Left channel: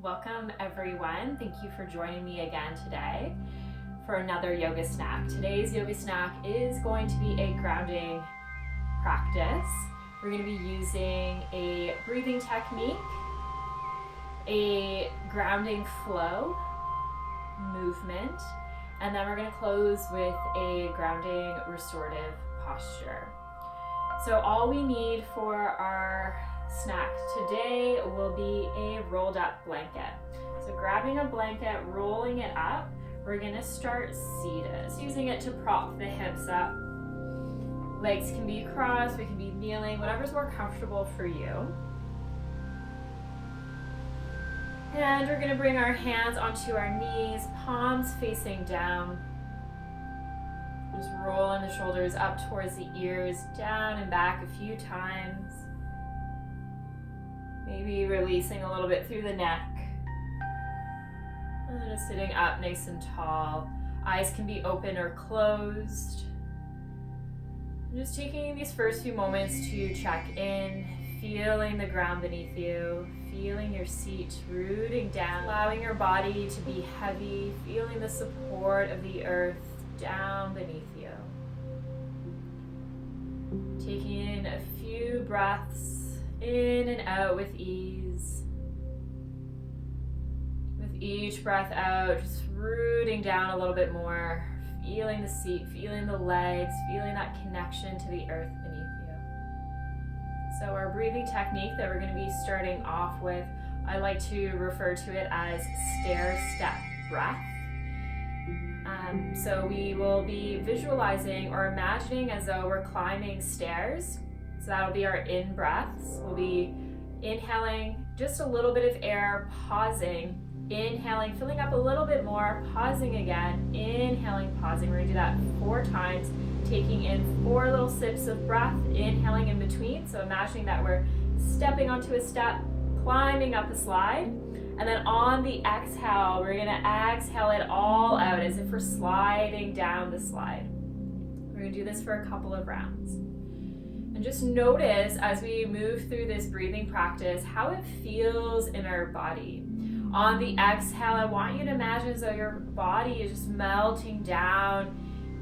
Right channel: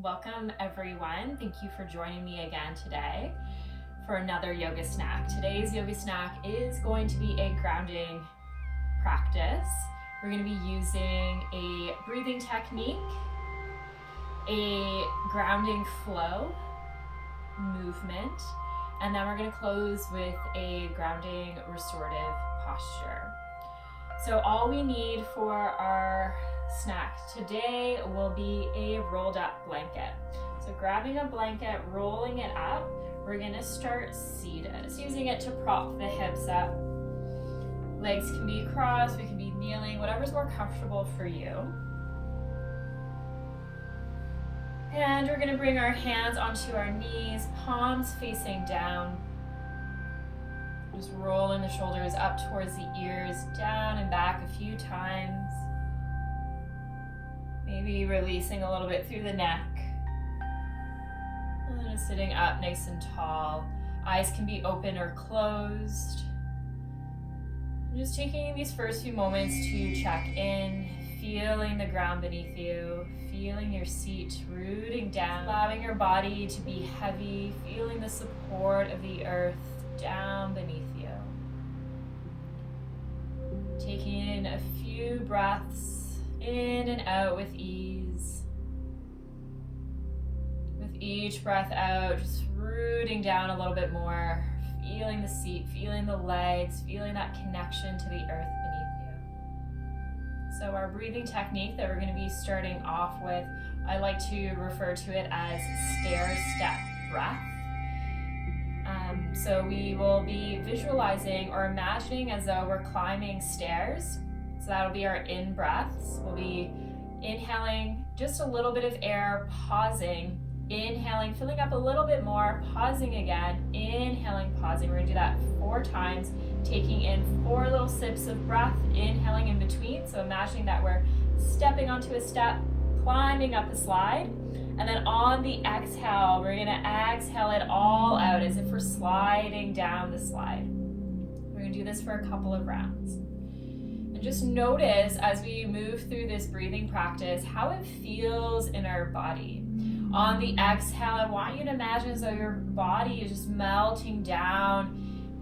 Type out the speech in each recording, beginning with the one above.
Welcome everyone. Thank you for joining me again today for another yoga snack. Today's yoga snack is going to be a grounding practice. We're going to be using a breathing technique, a grounding flow movement, and then we're going to close with a grounding restorative posture. So all we need for our snack today will be a rolled up blanket. So grabbing a blanket, rolling it up, we're gonna start seated. Just using it to prop the hips up. Legs can be crossed, we can be kneeling, whatever's more comfortable for you. And we're gonna bring our hands onto our knees, palms facing down. Just rolling the shoulders up towards the ears, down and back a few times. Maybe releasing a little bit through the neck. And just sitting up nice and tall. Eyes can be open or closed. And just taking these first few moments to check in, feeling the ground beneath you, feeling your seat rooting down, allowing your body to be heavy, feeling the support of the earth down beneath you. Taking in a few breaths in and out with ease. With each breath out, just rooting down a little bit more, feeling the seat, feeling the legs, feeling that connection to the earth beneath you. So our breathing technique that we're going to be starting off with, I like to refer to it as stair-step breath. So we will be visualizing or imagining as though we're climbing stairs. So that'll be our in breaths. We'll be inhaling just a little bit of air, pausing, inhaling, filling up a little bit more, pausing again, inhaling, pausing. We're gonna do that 4 times, taking in 4 little sips of breath, inhaling in between. So imagining that we're stepping onto a step, climbing up a slide. And then on the exhale, we're gonna exhale it all out as if we're sliding down the slide. We're gonna do this for a couple of rounds. And just notice as we move through this breathing practice, how it feels in our body. On the exhale, I want you to imagine as though your body is just melting down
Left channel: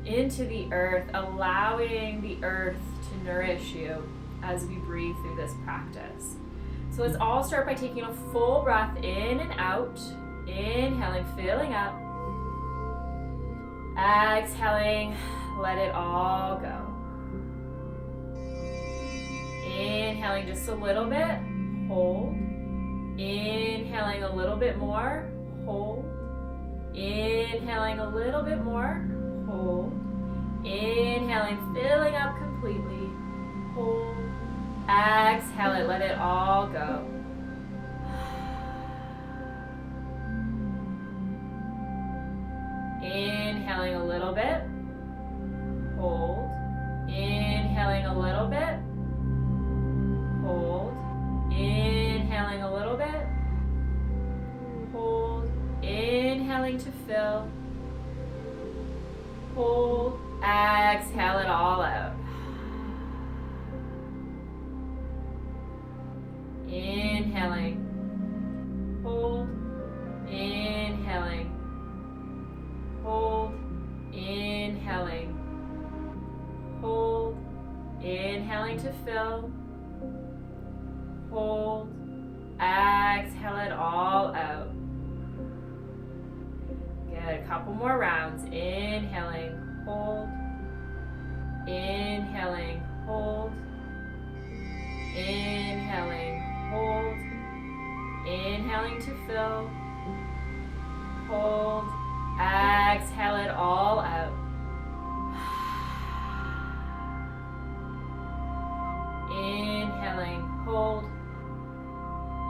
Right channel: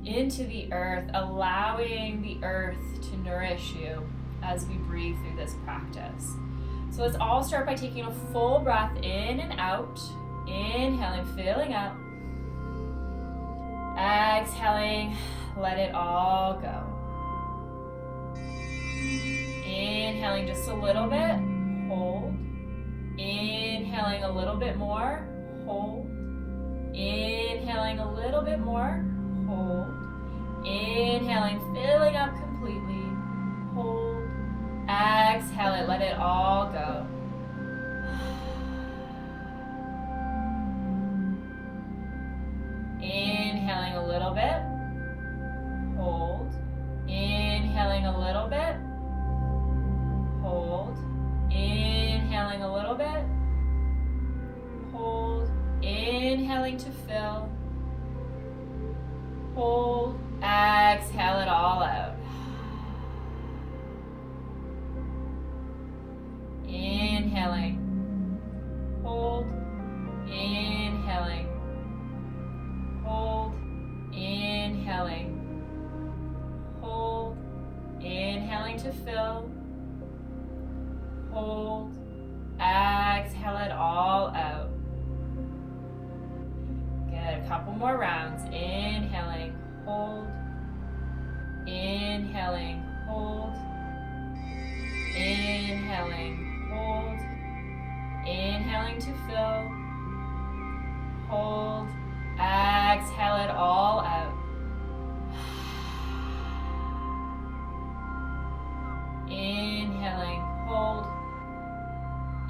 into the earth, allowing the earth to nourish you as we breathe through this practice. So let's all start by taking a full breath in and out. Inhaling, filling up. Exhaling, let it all go. Inhaling just a little bit, hold. Inhaling a little bit more, hold. Inhaling a little bit more, hold. Inhaling, filling up completely, hold. Exhale it, let it all go. Inhaling a little bit, hold. Inhaling a little bit, hold. Inhaling a little bit, hold. Inhaling to fill, hold. Exhale it all out. Inhaling, hold, inhaling, hold, inhaling, hold, inhaling to fill, hold, exhale it all out. Good, a couple more rounds. Inhaling, hold, inhaling, hold, inhaling, hold, inhaling to fill, hold, exhale it all out. Inhaling, hold,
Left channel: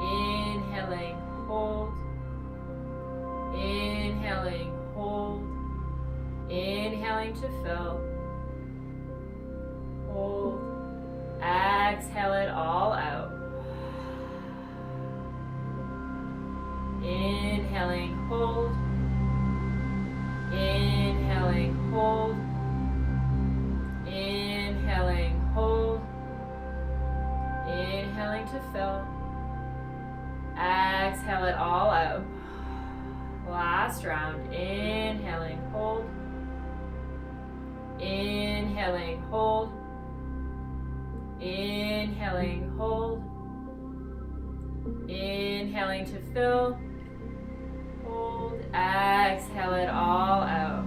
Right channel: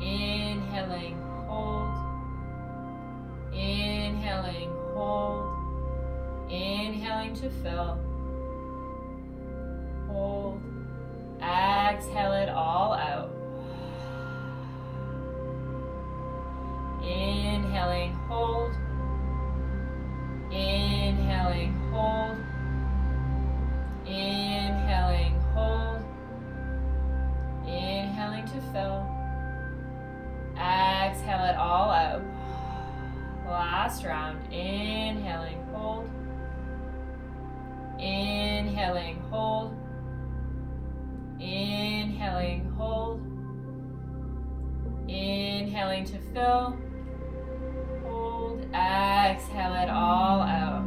inhaling, hold, inhaling, hold, inhaling to fill, hold, exhale it all out. Inhaling, hold, inhaling, hold, inhaling, hold, inhaling to fill, exhale it all out. Last round. Inhaling, hold. Inhaling, hold. Inhaling, hold. Inhaling to fill. Hold. Exhale it all out.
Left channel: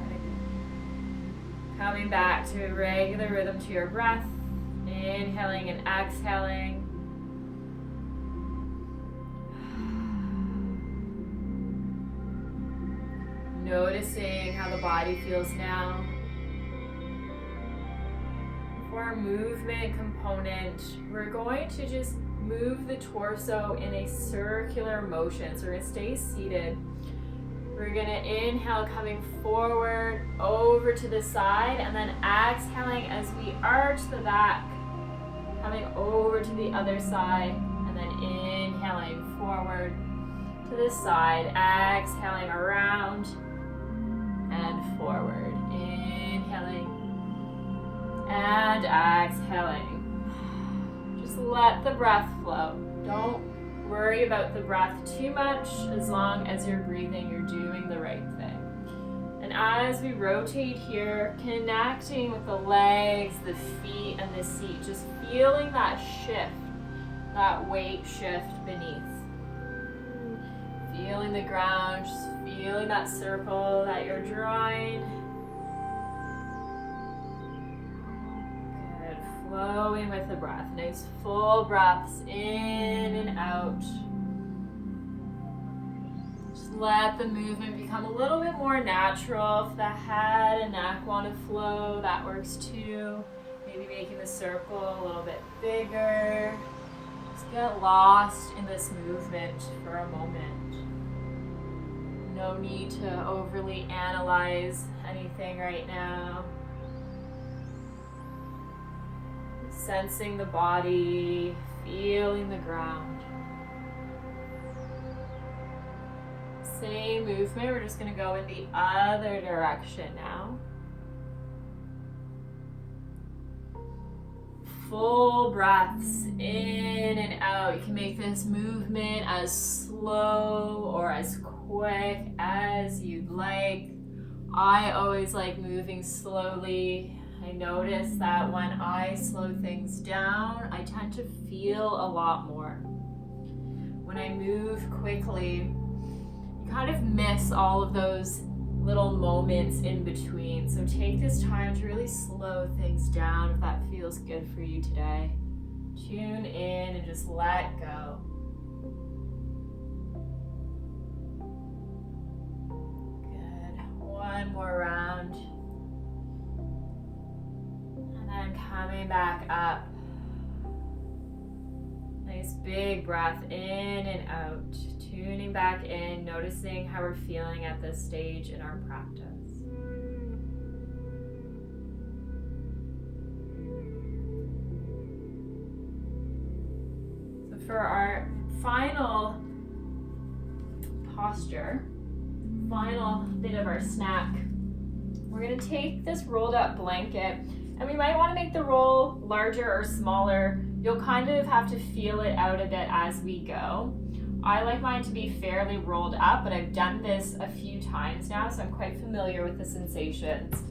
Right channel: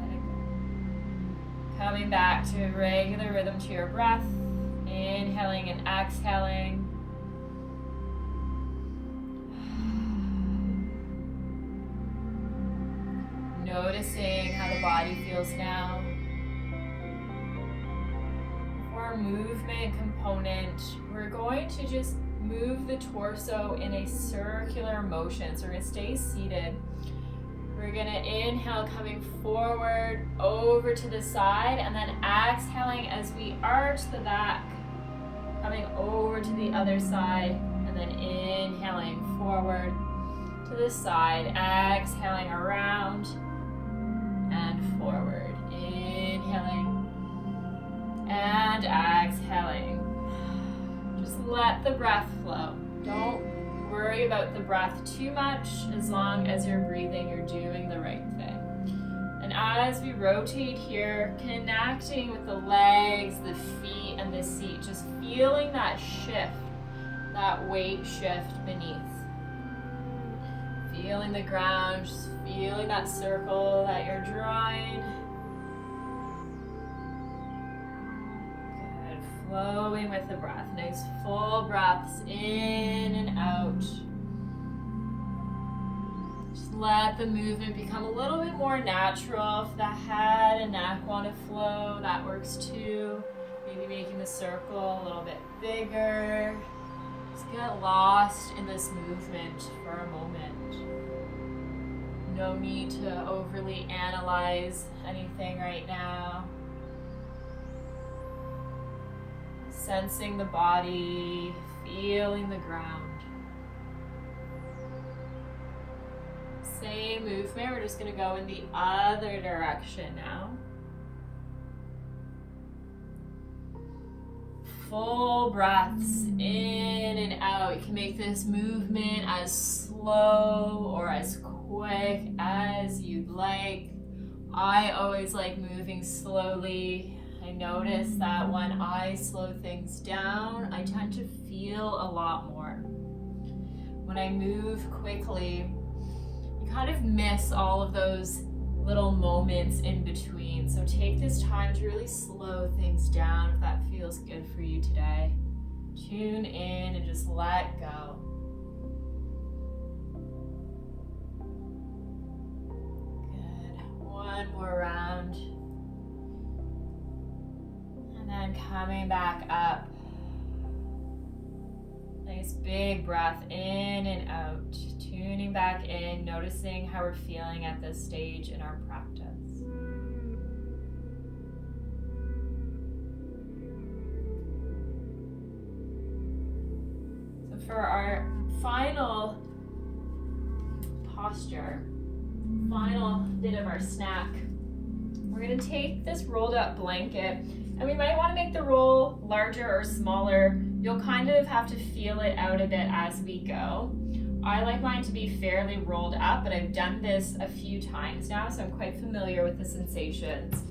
Let it go. Coming back to a regular rhythm to your breath. Inhaling and exhaling. Noticing how the body feels now. For our movement component, we're going to just move the torso in a circular motion. So we're going to stay seated. We're going to inhale, coming forward, over to the side, and then exhaling as we arch the back, coming over to the other side, and then inhaling forward to the side, exhaling around and forward, inhaling and exhaling. Just let the breath flow. Don't worry about the breath too much. As long as you're breathing, you're doing the right thing. And as we rotate here, connecting with the legs, the feet, and the seat, just feeling that shift, that weight shift beneath. Feeling the ground, just feeling that circle that you're drawing. Good, flowing with the breath. Nice full breaths in and out. Just let the movement become a little bit more natural. If the head and neck want to flow, that works too. Maybe making the circle a little bit bigger. Just get lost in this movement for a moment. No need to overly analyze anything right now. Sensing the body, feeling the ground. Same movement, we're just going to go in the other direction now. Full breaths in and out. You can make this movement as slow or as quick as you'd like. I always like moving slowly. I notice that when I slow things down, I tend to feel a lot more. When I move quickly, you kind of miss all of those little moments in between. So take this time to really slow things down if that feels good for you today. Tune in and just let go. Good. One more round. And then coming back up. Nice big breath in and out. Tuning back in, noticing how we're feeling at this stage in our practice. So for our final posture, final bit of our snack, we're going to take this rolled up blanket, and we might want to make the roll larger or smaller. You'll kind of have to feel it out a bit as we go. I like mine to be fairly rolled up, but I've done this a few times now, so I'm quite familiar with the sensations.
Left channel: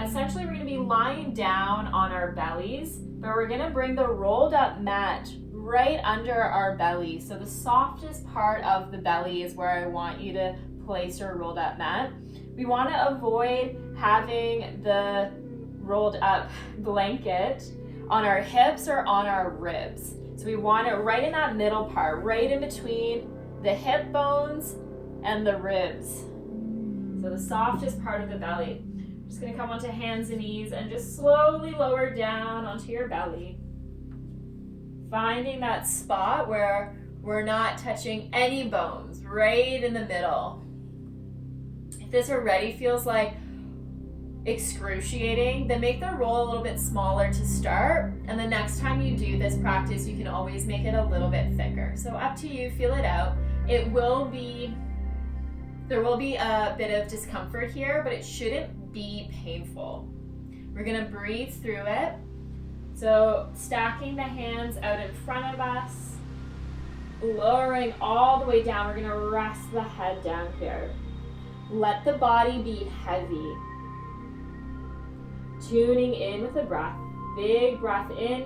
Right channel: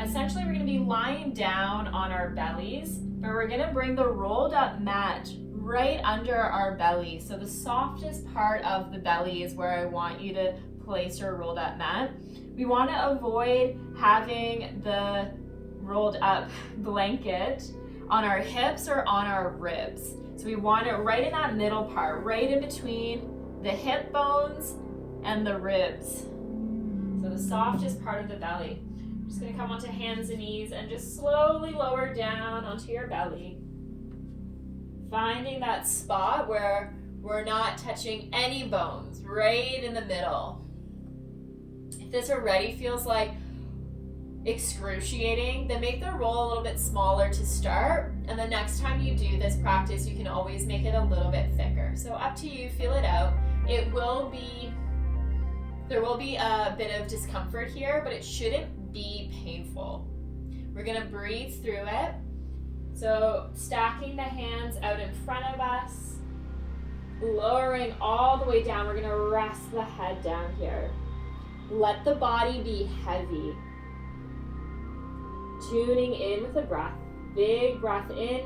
Essentially, we're going to be lying down on our bellies, but we're going to bring the rolled up mat right under our belly. So the softest part of the belly is where I want you to place your rolled up mat. We want to avoid having the rolled up blanket on our hips or on our ribs. So we want it right in that middle part, right in between the hip bones and the ribs. So the softest part of the belly. Just gonna come onto hands and knees and just slowly lower down onto your belly. Finding that spot where we're not touching any bones, right in the middle. If this already feels like excruciating, then make the roll a little bit smaller to start, and the next time you do this practice, you can always make it a little bit thicker. So up to you, feel it out. There will be a bit of discomfort here, but it shouldn't be painful. We're gonna breathe through it. So stacking the hands out in front of us, Lowering all the way down, we're gonna rest the head down here. Let the body be heavy. Tuning in with the breath. Big breath in.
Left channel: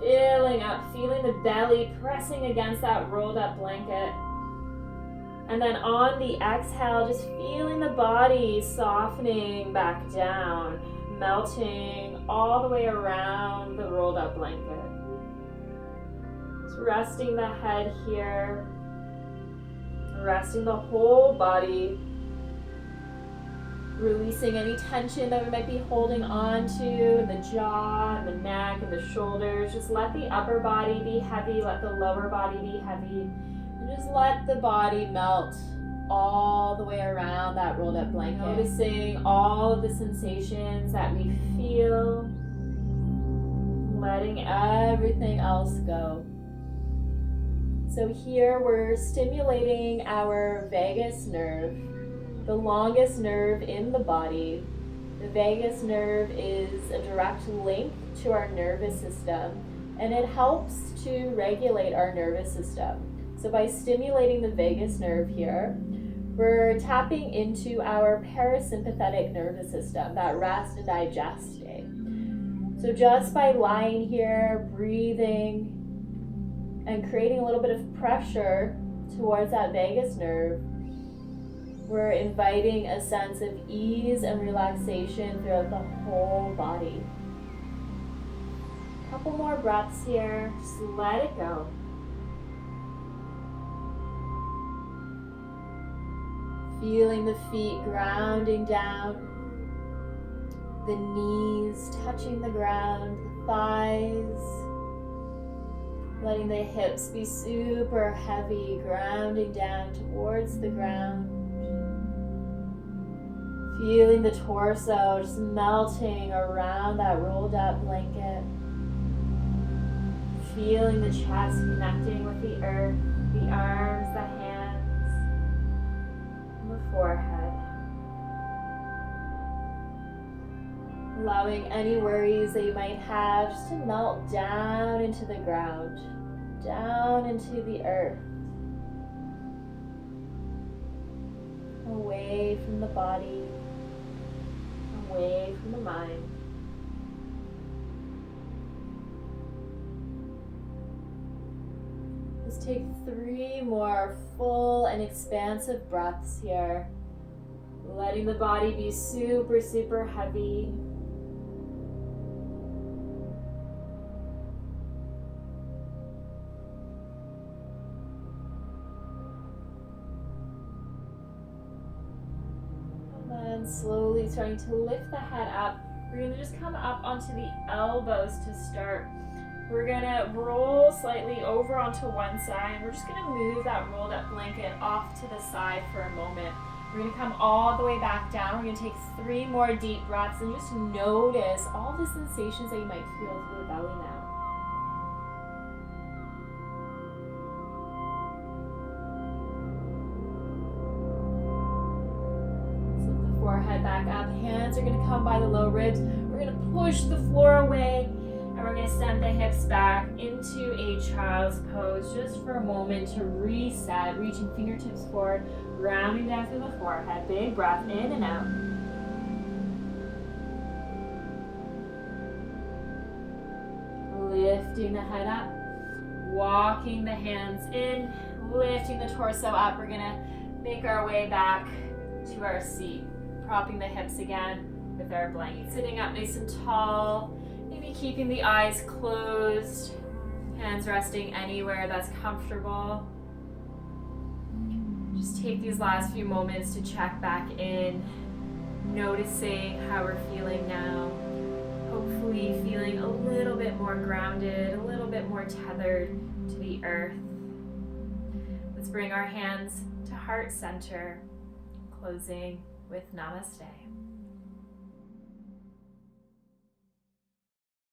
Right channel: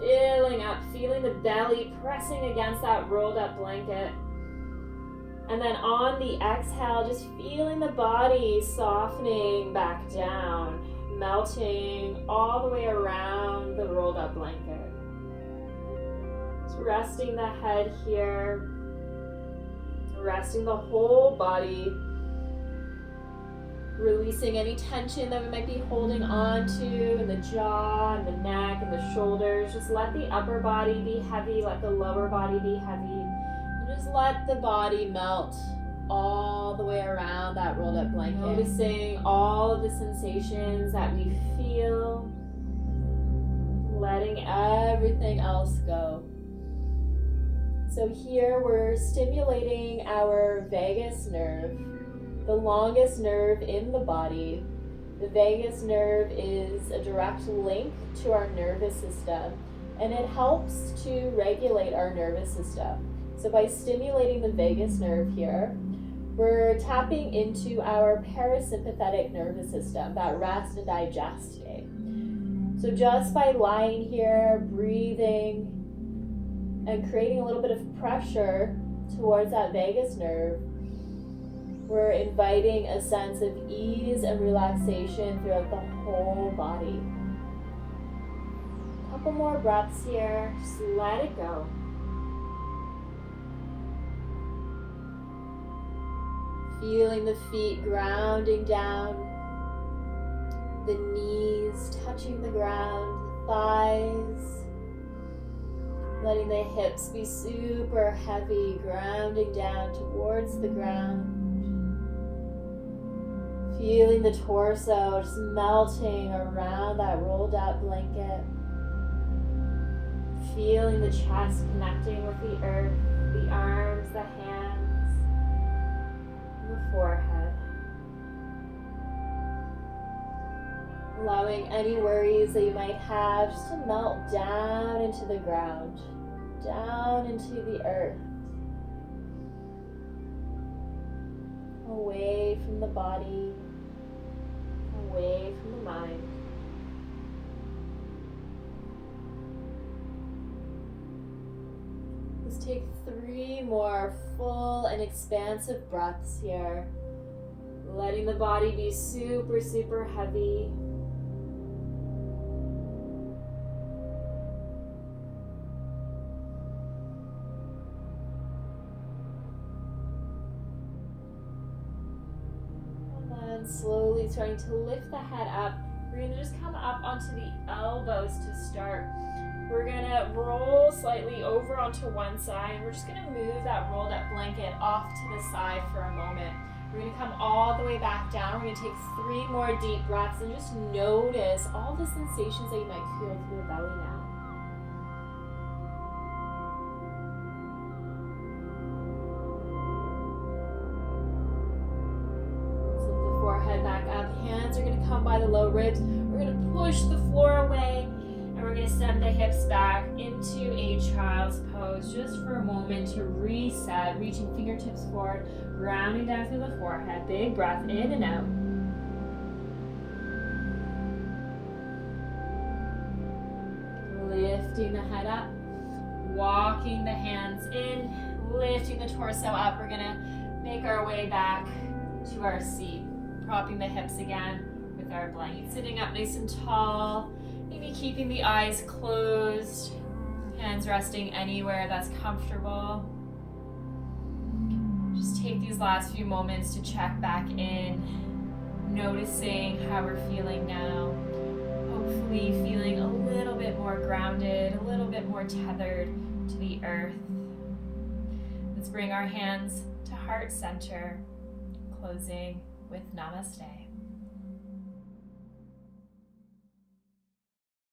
Filling up, feeling the belly pressing against that rolled up blanket. And then on the exhale, just feeling the body softening back down, melting all the way around the rolled up blanket. Just resting the head here, resting the whole body, releasing any tension that we might be holding on to in the jaw and the neck and the shoulders. Just let the upper body be heavy, let the lower body be heavy, and just let the body melt all the way around that rolled up blanket. Noticing all of the sensations that we feel, letting everything else go. So here we're stimulating our vagus nerve, the longest nerve in the body. The vagus nerve is a direct link to our nervous system, and it helps to regulate our nervous system. So by stimulating the vagus nerve here, we're tapping into our parasympathetic nervous system, that rest and digest state. So just by lying here, breathing, and creating a little bit of pressure towards that vagus nerve, we're inviting a sense of ease and relaxation throughout the whole body. A couple more breaths here, just let it go. Feeling the feet grounding down, the knees touching the ground, the thighs, letting the hips be super heavy, grounding down towards the ground. Feeling the torso just melting around that rolled up blanket. Feeling the chest connecting with the earth, the arms, the hands, and the forehead. Allowing any worries that you might have just to melt down into the ground, down into the earth, away from the body, away from the mind. Let's take 3 more full and expansive breaths here, letting the body be super, super heavy. Slowly starting to lift the head up. We're going to just come up onto the elbows to start. We're going to roll slightly over onto one side. We're just going to move that rolled up blanket off to the side for a moment. We're going to come all the way back down. We're going to take 3 more deep breaths and just notice all the sensations that you might feel through the belly now. Forehead back up, hands are going to come by the low ribs. We're going to push the floor away, and we're going to send the hips back into a child's pose just for a moment to reset, reaching fingertips forward, rounding down through the forehead. Big breath in and out. Lifting the head up, walking the hands in, lifting the torso up. We're going to make our way back to our seat. Propping the hips again with our blanket. Sitting up nice and tall, maybe keeping the eyes closed, hands resting anywhere that's comfortable. Just take these last few moments to check back in, noticing how we're feeling now. Hopefully feeling a little bit more grounded, a little bit more tethered to the earth. Let's bring our hands to heart center, closing with namaste.